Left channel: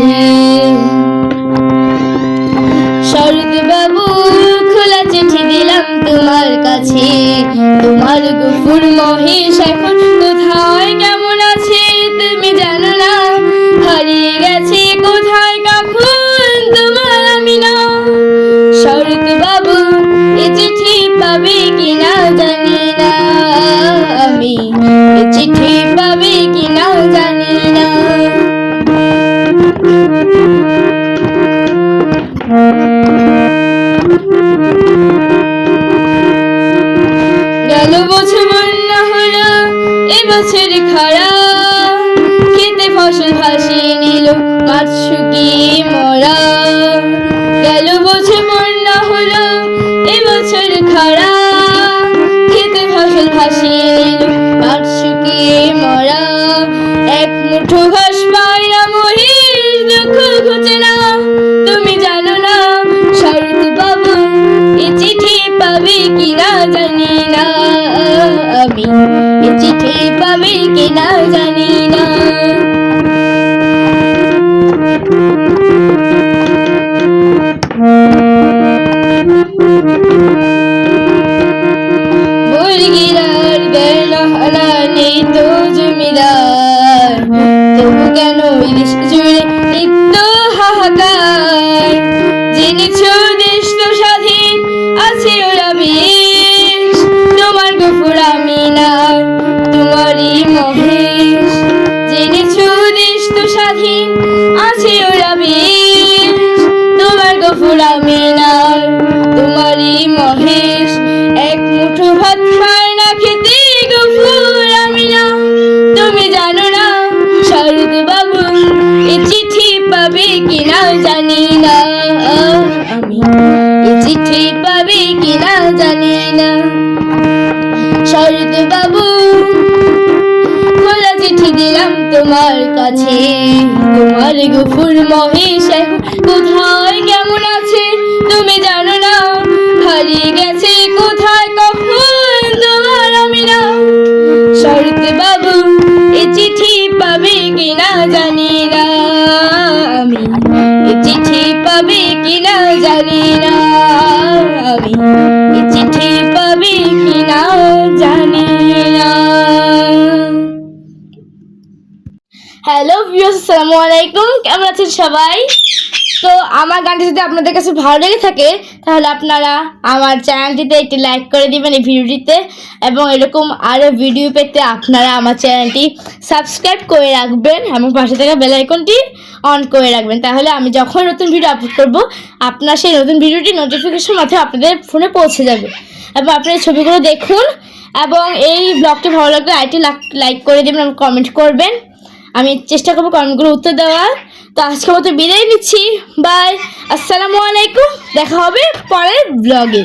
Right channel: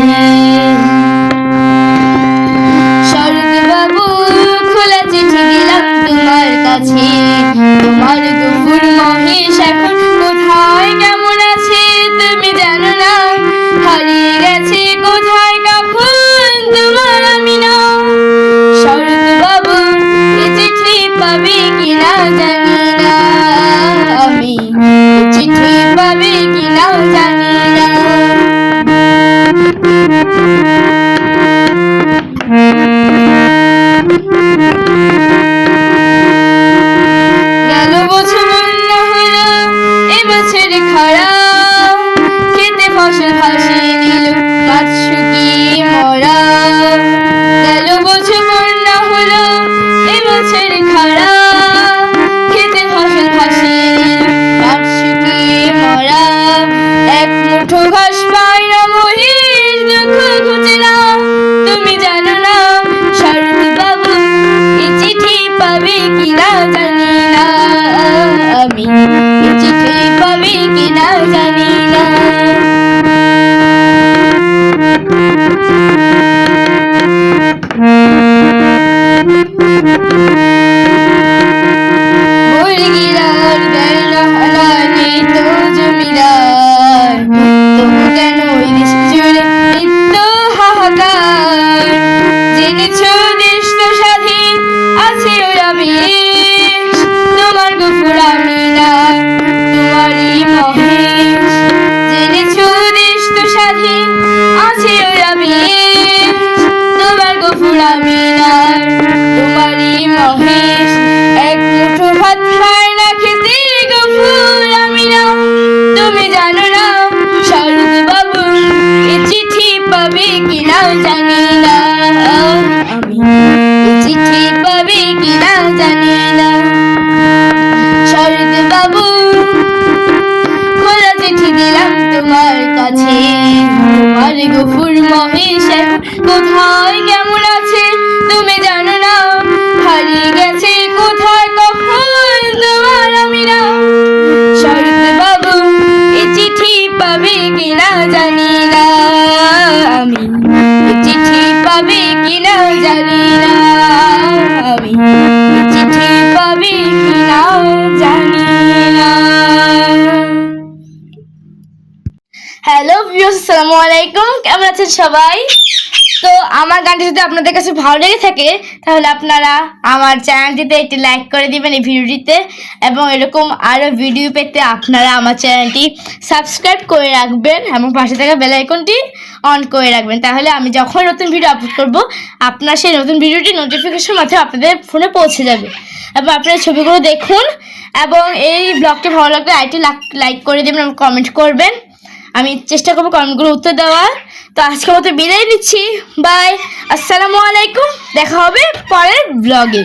কাছে। শরৎ বাবু খোলা চিঠি দিলাম তোমার কাছে, তোমার গফুর মহেশ এখন কোথায় কেমন আছে তুমি জানো না, হারিয়ে গেছে কোথায় কখন তোমার আমি না। শরৎ বাবু এ চিঠি পাবে কিনা জানি না, আমি এ চিঠি পাবে কিনা জানি না। গেল বছর বন্যা হলো, এবছর খরা, খেতে ফসল ভাসিয়ে নিল মাঠ শুকিয়ে মরা। গেল বছর বন্যা হলো, এবছর খরা, খেতে ফসল ভাসিয়ে নিল মাঠ শুকিয়ে মরা। এক মুঠো ঘাস পায় না মহিষ, দুঃখ ঘুচে না তুমি জানো না। শরৎ বাবু এ চিঠি পাবে কিনা জানি না, আমি এ চিঠি পাবে কিনা জানি না। মুরগিরার গলা নেই তো জমিদার, তবু কেন এই দেশ জুড়ে নিত্য হাহাকার। জেনেছ দেশ তো স্বাধীন আছে ওরা বেশ, তোমার গফুর আমি না তোমারই মহেশ। জেনেছ দেশ তো স্বাধীন আছে ওরা বেশ, তোমার গফুর আমি না তোমারই মহেশ। এক মুঠো ভাত খায় না খেতে গফুর আমি না তুমি জানো না। শরৎ বাবু এ চিঠি পাবে কিনা জানি না, আমি এ চিঠি পাবে কিনা জানি না। শরৎ বাবু খোলা চিঠি দিলাম তোমার কাছে, তোমার গফুর মহেশ এখন কোথায় কেমন আছে তুমি জানো না, হারিয়ে গেছে কোথায় কখন তোমার আমি না। শরৎ বাবু এ চিঠি পাবে কিনা জানি না, আমি এ চিঠি পাবে কিনা জানি না, আমি এ চিঠি পাবে কিনা জানি না। হ্যালো ভিউয়ার্স, আসসালামু আলাইকুম, কেমন আছেন সবাই? তো আমার গানটি যদি আপনাদের কাছে ভালো লেগে থাকে তাহলে আপনারা আমার চ্যানেলটিতে একটি লাইক করে দিবেন এই ভিডিওটিতে, এবং এরকম আরও ভিডিও পেতে আপনারা আমার চ্যানেলটি সাবস্ক্রাইব করে রাখবেন এবং পাশে থাকা বেল আইকনটি অন করে রাখবেন। তাহলে আমি যখন নতুন ভিডিও আপলোড করব আপনার সেই নতুন ভিডিওটি নোটিফিকেশন মাধ্যমে আপনাদের ফোনে পৌঁছে যাবে। এবং আপনারা ছবিগুলো দেখুন এবং এই ব্লগটি ভালো লাগলে আইটি লাইক করে দেবেন এবং কমেন্ট করবেন। আমি চেষ্টা করবো কমেন্টগুলো উত্তর দেওয়ার। তো আজকের মতো বিদায় নিচ্ছি, বাই, আসসালামু আলাইকুম, দেখা হবে পরের ব্লগে।